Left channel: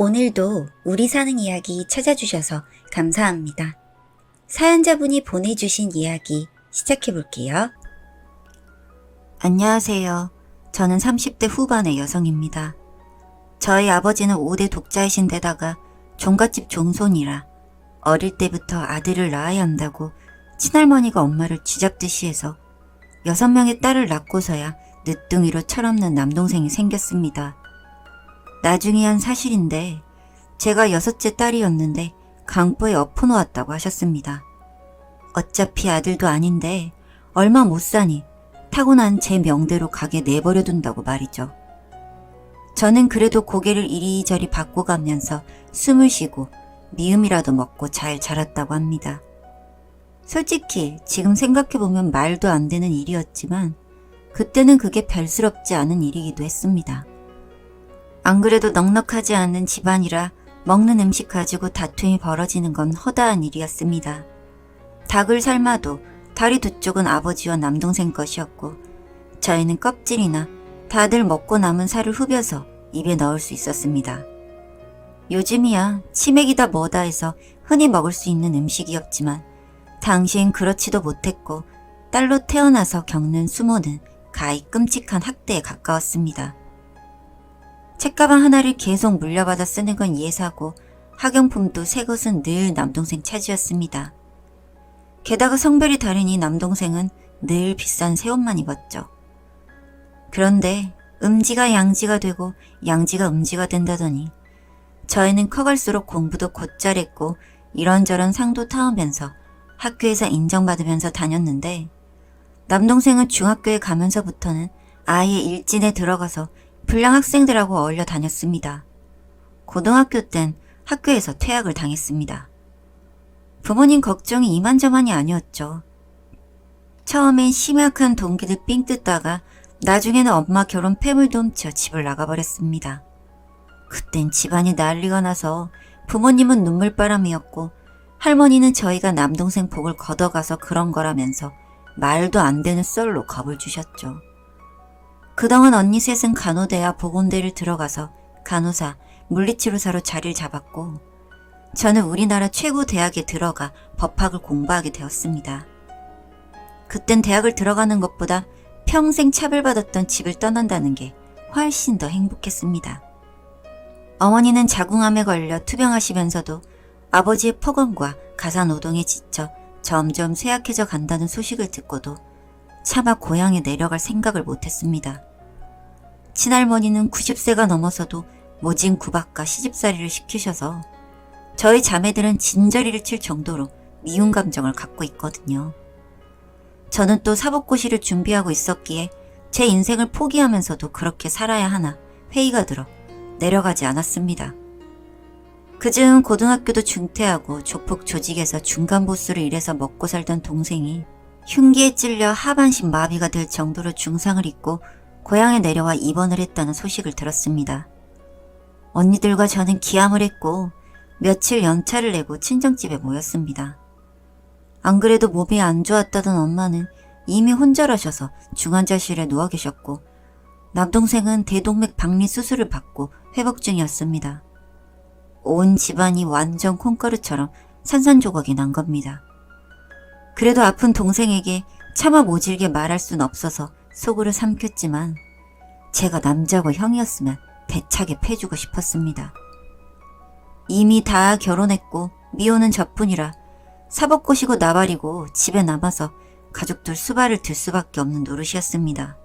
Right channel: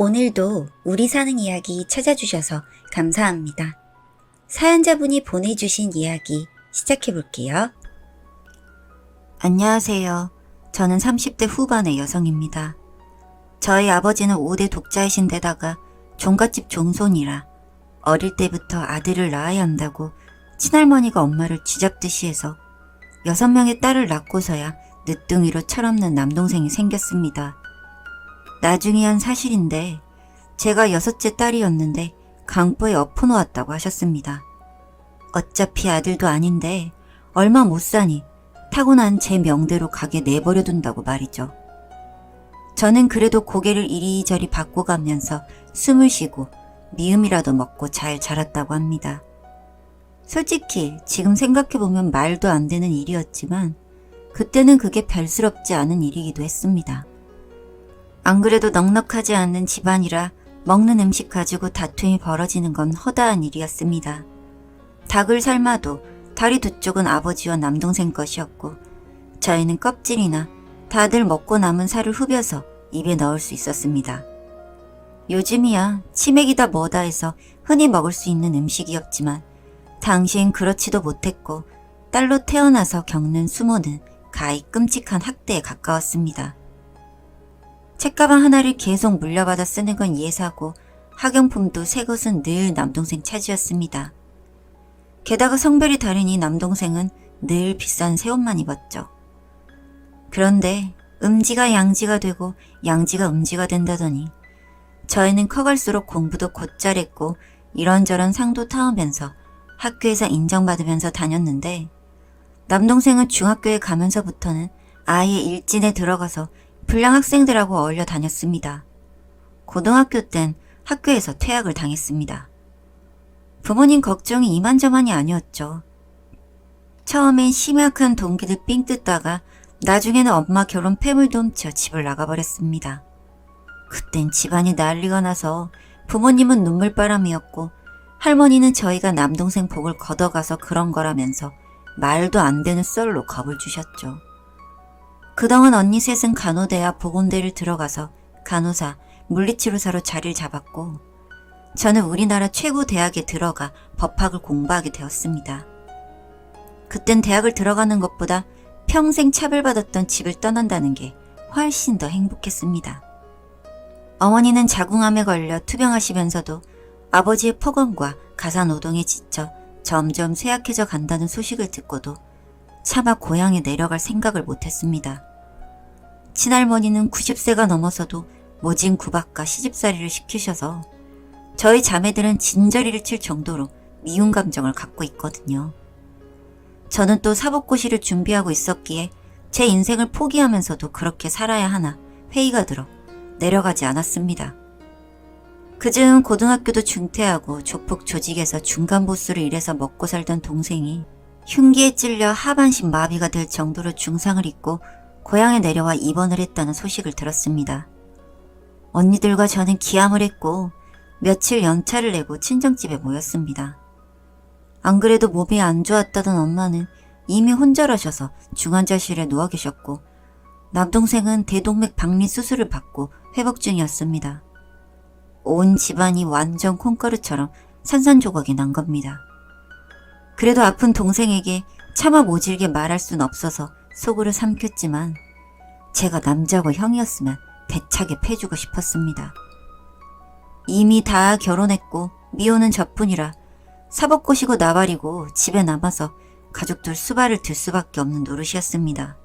오늘도 우리 사는 이야기 찾아주셔서 감사합니다. 사연자분이 보내주신 이야기 시작해볼게요. 안녕하세요. 저는 30대 후반의 여성입니다. 저희 아버지는 5대 독자이신데다가 종갓집 종손이라 어릴 때부터 아들을 낳아야 한다고 친할머니가 엄마를 쥐잡듯이 해서 6명의 딸을 낳고서야 늦둥이로 철없는 남동생이 생겼습니다. 나중에야 사실인데 제가 6째 딸이었는데 강보에 엎어놓았다고 하셨습니다. 어차피 아들도 아닌데 얼마 못 사니 타고난 제 명대로 가게 내버려둔다고 말이죠. 저는 그래도 고개를 이리저리 바꿔가면서 숨을 쉬고 미음이라도 먹고 잘 자랐다고 합니다. 솔직히 지금 생각해보면 말도 안 되는 일이었지만 그때는 그게 별스럽지 않은 일이기도 했습니다. 안 그래도 넉넉하지 않은 집안이라 먹는 음식 가지고 다툼이 벌어지는 건 허다한 일이었습니다. 닭을 삶아도 다리 두 쪽은 아버지와 남동생 것이었고 저희는 껍질이나 다들 먹고 남은 살을 후벼서 입에 넣을 수 있었습니다. 요즘이야 치맥이다 뭐다 해서 흔히 먹을 수 있는 음식이었지만 당시엔 그렇지도 못했고 딸로 태어나서 겪는 수모는 가히 끔찍한 학대에 가까웠습니다. 책가방 하나를 계속 물려받아 쓰는 건 예사고 학용품도 새 것은 늘 남동생 차지였습니다. 게다가 성별이 다르니 남동생은 늘 비싼 새 옷만 입었죠. 그런데 음지가 양지가 되고 양지가 음지가 된다더니 저희는 커갈수록 공부도 곧잘 했고 이런저런 상도 타오면서 학교에서 인정받으면서 다녔는데 남동생은 중학교에 가면서부터는 아예 일진에 들어가서 불량 학생들하고 어울려 다녔습니다. 고등학교 땐 학교에서 퇴학을 당했습니다. 부모님 걱정이 이만저만이 아니었죠. 처음엔 심약한 동기를 삥 뜯다가 나중에는 엄마 결혼 폐물도 훔쳐 집을 나가버렸습니다. 그땐 집안이 난리가 나서 부모님은 눈물바람이었고 할머니는 저희가 남동생 복을 걷어가서 그런 거라면서 말도 안 되는 썰로 겁을 주셨죠. 그동안 언니 셋은 간호대와 보건대를 들어가서 간호사, 물리치료사로 자리를 잡았고 저는 우리나라 최고 대학에 들어가 법학을 공부하게 되었습니다. 그땐 대학을 들어가는 것보다 평생 차별받았던 집을 떠난다는 게 훨씬 더 행복했습니다. 어머니는 자궁암에 걸려 투병하시면서도 아버지의 폭언과 가사노동에 지쳐 점점 쇠약해져 간다는 소식을 듣고도 차마 고향에 내려갈 생각을 못했습니다. 친할머니는 90세가 넘어서도 모진 구박과 시집살이를 시키셔서 저희 자매들은 진저리를 칠 정도로 미운 감정을 갖고 있거든요. 저는 또 사법고시를 준비하고 있었기에 제 인생을 포기하면서도 그렇게 살아야 하나 회의가 들어 내려가지 않았습니다. 그즈음 고등학교도 중퇴하고 조폭 조직에서 중간보스를 일해서 먹고 살던 동생이 흉기에 찔려 하반신 마비가 될 정도로 중상을 입고 고향에 내려와 입원을 했다는 소식을 들었습니다. 언니들과 저는 기함을 했고 며칠 연차를 내고 친정집에 모였습니다. 안 그래도 몸이 안 좋았다던 엄마는 이미 혼절하셔서 중환자실에 누워 계셨고 남동생은 대동맥 박리 수술을 받고 회복 중이었습니다. 온 집안이 완전 콩가루처럼 산산조각이 난 겁니다. 그래도 아픈 동생에게 차마 모질게 말할 순 없어서 속으로 삼켰지만 제가 남자고 형이었으면 대차게 패주고 싶었습니다. 이미 다 결혼했고 미혼은 저뿐이라 사복고시고 나발이고 집에 남아서 가족들 수발을 들 수밖에 없는 노릇이었습니다.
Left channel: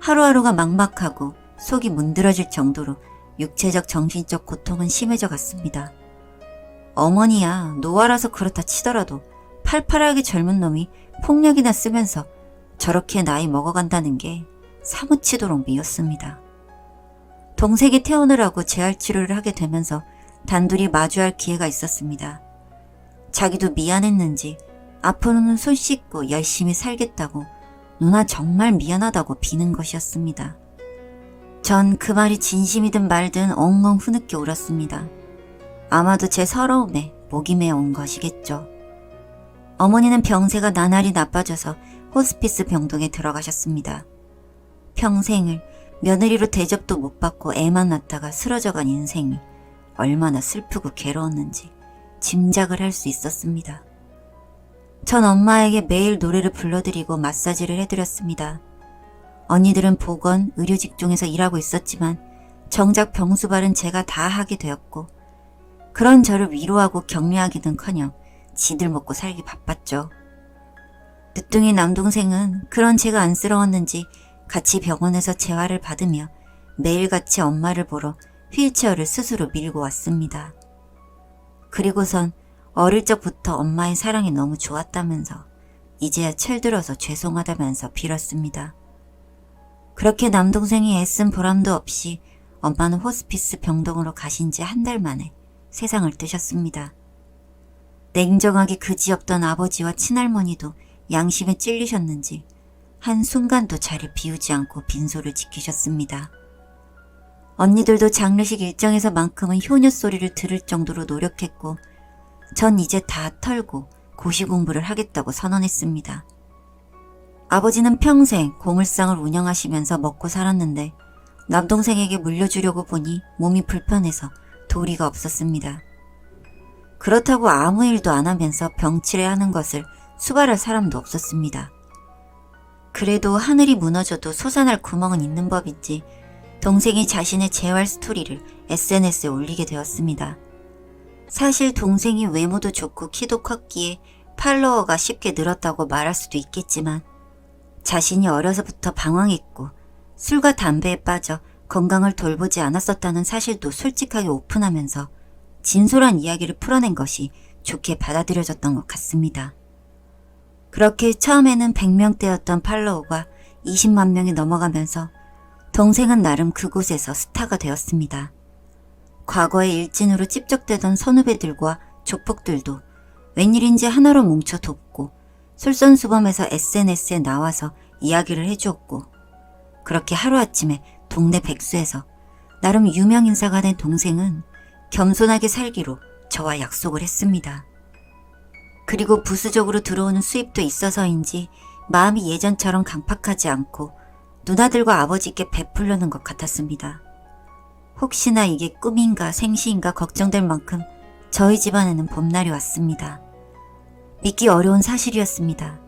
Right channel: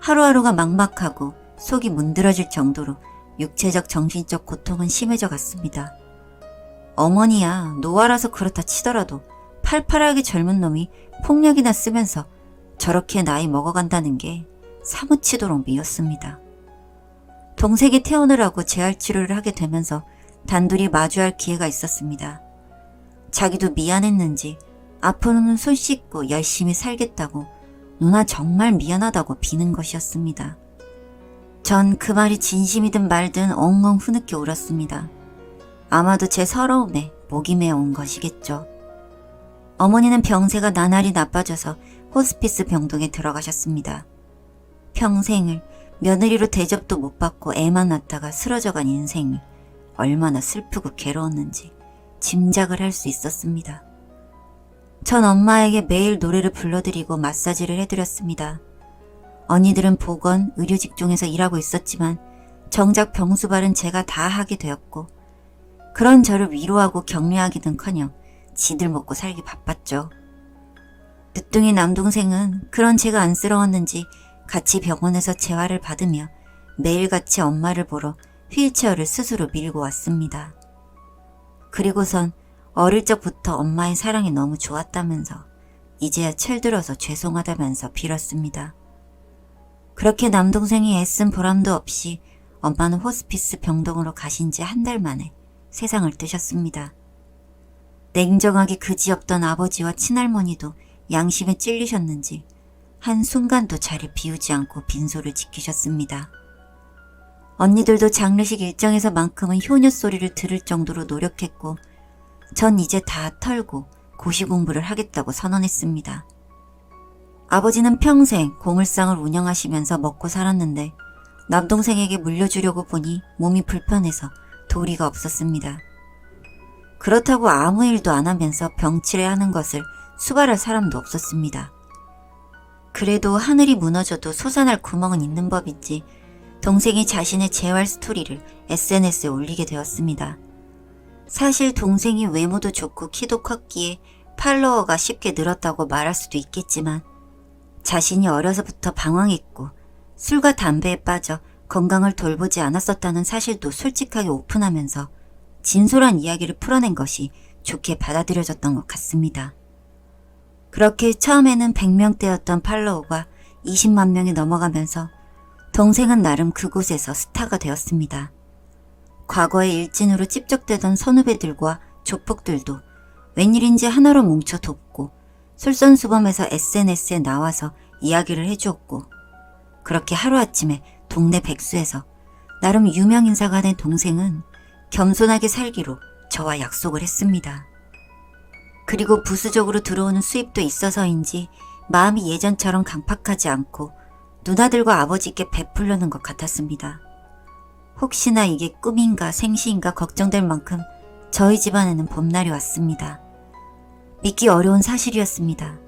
하루하루가 막막하고 속이 문드러질 정도로 육체적 정신적 고통은 심해져 갔습니다. 어머니야 노화라서 그렇다 치더라도 팔팔하게 젊은 놈이 폭력이나 쓰면서 저렇게 나이 먹어간다는 게 사무치도록 미웠습니다. 동생이 퇴원을 재활치료를 하게 되면서 단둘이 마주할 기회가 있었습니다. 자기도 미안했는지 앞으로는 손 씻고 열심히 살겠다고 누나 정말 미안하다고 비는 것이었습니다. 전 그 말이 진심이든 말든 엉엉 후늦게 울었습니다. 아마도 제 서러움에 목이 메어온 것이겠죠. 어머니는 병세가 나날이 나빠져서 호스피스 병동에 들어가셨습니다. 평생을 며느리로 대접도 못 받고 애만 낳다가 쓰러져간 인생을 얼마나 슬프고 괴로웠는지 짐작을 할 수 있었습니다. 전 엄마에게 매일 노래를 불러드리고 마사지를 해드렸습니다. 언니들은 보건, 의료 직종에서 일하고 있었지만 정작 병수발은 제가 다 하게 되었고 그런 저를 위로하고 격려하기는커녕 지들 먹고 살기 바빴죠. 늦둥이 남동생은 그런 제가 안쓰러웠는지 같이 병원에서 재활을 받으며 매일같이 엄마를 보러 휠체어를 스스로 밀고 왔습니다. 그리고선 어릴 적부터 엄마의 사랑이 너무 좋았다면서 이제야 철들어서 죄송하다면서 빌었습니다. 그렇게 남동생이 애쓴 보람도 없이 엄마는 호스피스 병동으로 가신 지 한 달 만에 세상을 뜨셨습니다. 냉정하게 그지없던 아버지와 친할머니도 양심에 찔리셨는지 한순간도 자리를 비우지 않고 빈소를 지키셨습니다. 언니들도 장례식 일정에서만큼은 효녀 소리를 들을 정도로 노력했고 전 이제 다 털고 고시 공부를 하겠다고 선언했습니다. 아버지는 평생 고물상을 운영하시면서 먹고 살았는데 남동생에게 물려주려고 보니 몸이 불편해서 도리가 없었습니다. 그렇다고 아무 일도 안 하면서 병치레 하는 것을 수발할 사람도 없었습니다. 그래도 하늘이 무너져도 솟아날 구멍은 있는 법이지 동생이 자신의 재활 스토리를 SNS에 올리게 되었습니다. 사실 동생이 외모도 좋고 키도 컸기에 팔로워가 쉽게 늘었다고 말할 수도 있겠지만 자신이 어려서부터 방황했고 술과 담배에 빠져 건강을 돌보지 않았었다는 사실도 솔직하게 오픈하면서 진솔한 이야기를 풀어낸 것이 좋게 받아들여졌던 것 같습니다. 그렇게 처음에는 100명대였던 팔로워가 20만 명이 넘어가면서 동생은 나름 그곳에서 스타가 되었습니다. 과거의 일진으로 찝적대던 선후배들과 조폭들도 웬일인지 하나로 뭉쳐 돕고 솔선수범해서 SNS에 나와서 이야기를 해주었고 그렇게 하루아침에 동네 백수에서 나름 유명 인사가 된 동생은 겸손하게 살기로 저와 약속을 했습니다. 그리고 부수적으로 들어오는 수입도 있어서인지 마음이 예전처럼 강팍하지 않고 누나들과 아버지께 베풀려는 것 같았습니다. 혹시나 이게 꿈인가 생시인가 걱정될 만큼 저희 집안에는 봄날이 왔습니다. 믿기 어려운 사실이었습니다.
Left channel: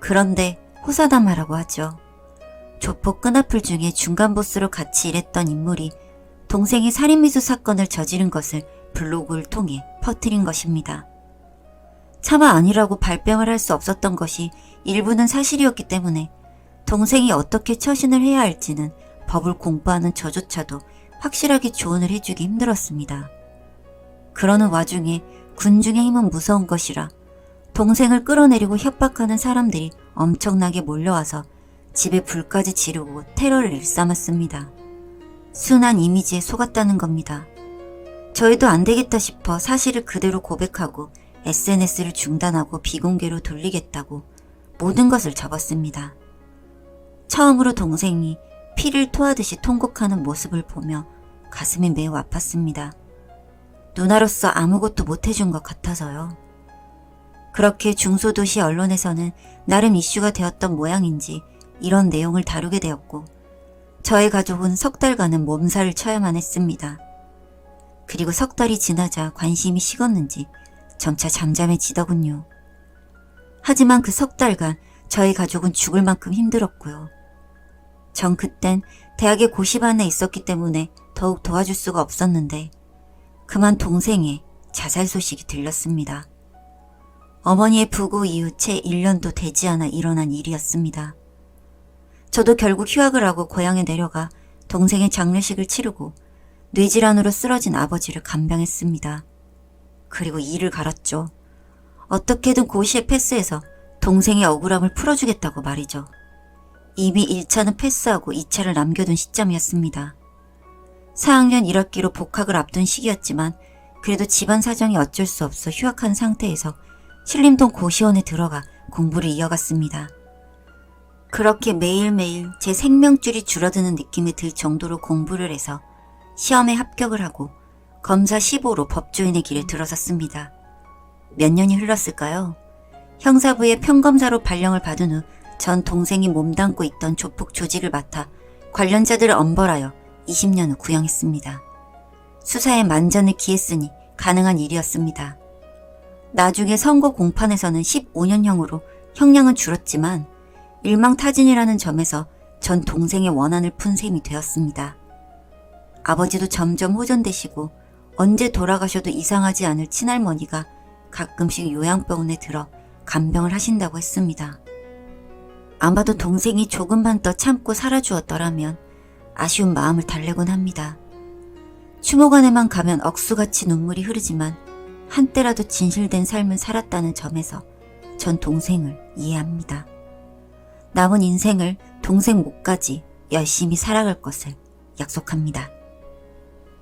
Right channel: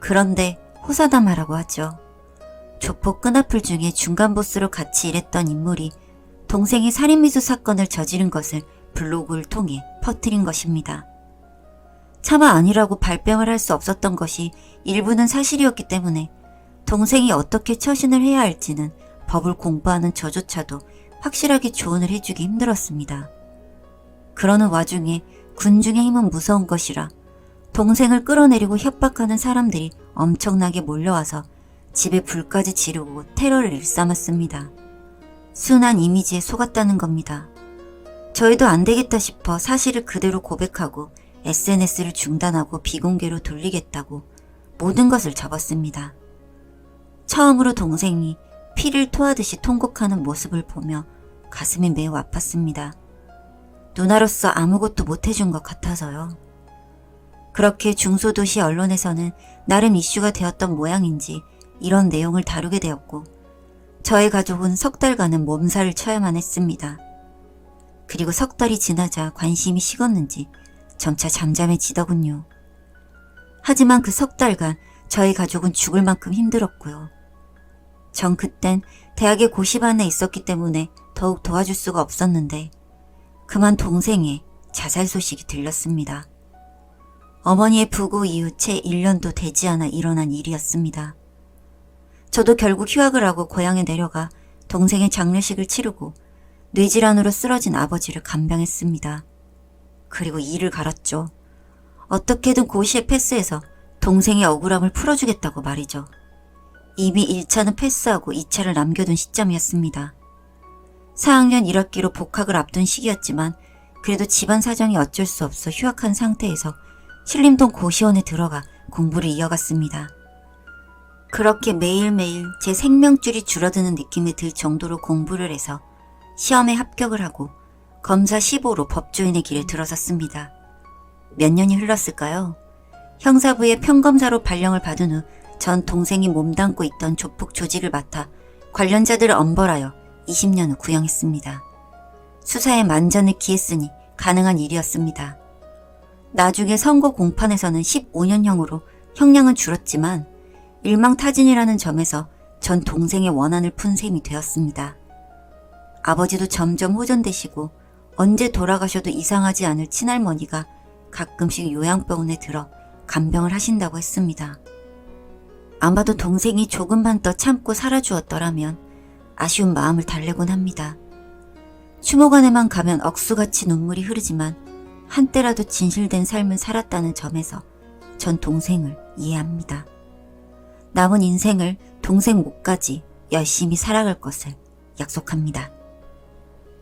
그런데 호사다마라고 하죠. 조폭 끈앞풀 중에 중간 보스로 같이 일했던 인물이 동생이 살인미수 사건을 저지른 것을 블로그를 통해 퍼뜨린 것입니다. 차마 아니라고 발뺌을 할 수 없었던 것이 일부는 사실이었기 때문에 동생이 어떻게 처신을 해야 할지는 법을 공부하는 저조차도 확실하게 조언을 해주기 힘들었습니다. 그러는 와중에 군중의 힘은 무서운 것이라 동생을 끌어내리고 협박하는 사람들이 엄청나게 몰려와서 집에 불까지 지르고 테러를 일삼았습니다. 순한 이미지에 속았다는 겁니다. 저희도 안 되겠다 싶어 사실을 그대로 고백하고 SNS를 중단하고 비공개로 돌리겠다고 모든 것을 접었습니다. 처음으로 동생이 피를 토하듯이 통곡하는 모습을 보며 가슴이 매우 아팠습니다. 누나로서 아무것도 못해준 것 같아서요. 그렇게 중소도시 언론에서는 나름 이슈가 되었던 모양인지 이런 내용을 다루게 되었고 저희 가족은 석 달간은 몸살을 쳐야만 했습니다. 그리고 석 달이 지나자 관심이 식었는지 점차 잠잠해지더군요. 하지만 그 석 달간 저희 가족은 죽을 만큼 힘들었고요. 전 그땐 대학의 고시반에 있었기 때문에 더욱 도와줄 수가 없었는데 그만 동생의 자살 소식이 들렸습니다. 어머니의 부고 이후 채 1년도 되지 않아 일어난 일이었습니다. 저도 결국 휴학을 하고 고향에 내려가 동생의 장례식을 치르고 뇌질환으로 쓰러진 아버지를 간병했습니다. 그리고 이를 갈았죠. 어떻게든 고시에 패스해서 동생의 억울함을 풀어주겠다고 말이죠. 이미 1차는 패스하고 2차를 남겨둔 시점이었습니다. 4학년 1학기로 복학을 앞둔 시기였지만 그래도 집안 사정이 어쩔 수 없어 휴학한 상태에서 신림동 고시원에 들어가 공부를 이어갔습니다. 그렇게 매일매일 제 생명줄이 줄어드는 느낌이 들 정도로 공부를 해서 시험에 합격을 하고 검사 15로 법조인의 길에 들어섰습니다. 몇 년이 흘렀을까요? 형사부의 평검사로 발령을 받은 후 전 동생이 몸담고 있던 조폭 조직을 맡아 관련자들을 엄벌하여 20년 후 구형했습니다. 수사에 만전을 기했으니 가능한 일이었습니다. 나중에 선거 공판에서는 15년형으로 형량은 줄었지만 일망타진이라는 점에서 전 동생의 원한을 푼 셈이 되었습니다. 아버지도 점점 호전되시고 언제 돌아가셔도 이상하지 않을 친할머니가 가끔씩 요양병원에 들어 간병을 하신다고 했습니다. 아마도 동생이 조금만 더 참고 살아주었더라면 아쉬운 마음을 달래곤 합니다. 추모관에만 가면 억수같이 눈물이 흐르지만 한때라도 진실된 삶을 살았다는 점에서 전 동생을 이해합니다. 남은 인생을 동생 목까지 열심히 살아갈 것을 약속합니다.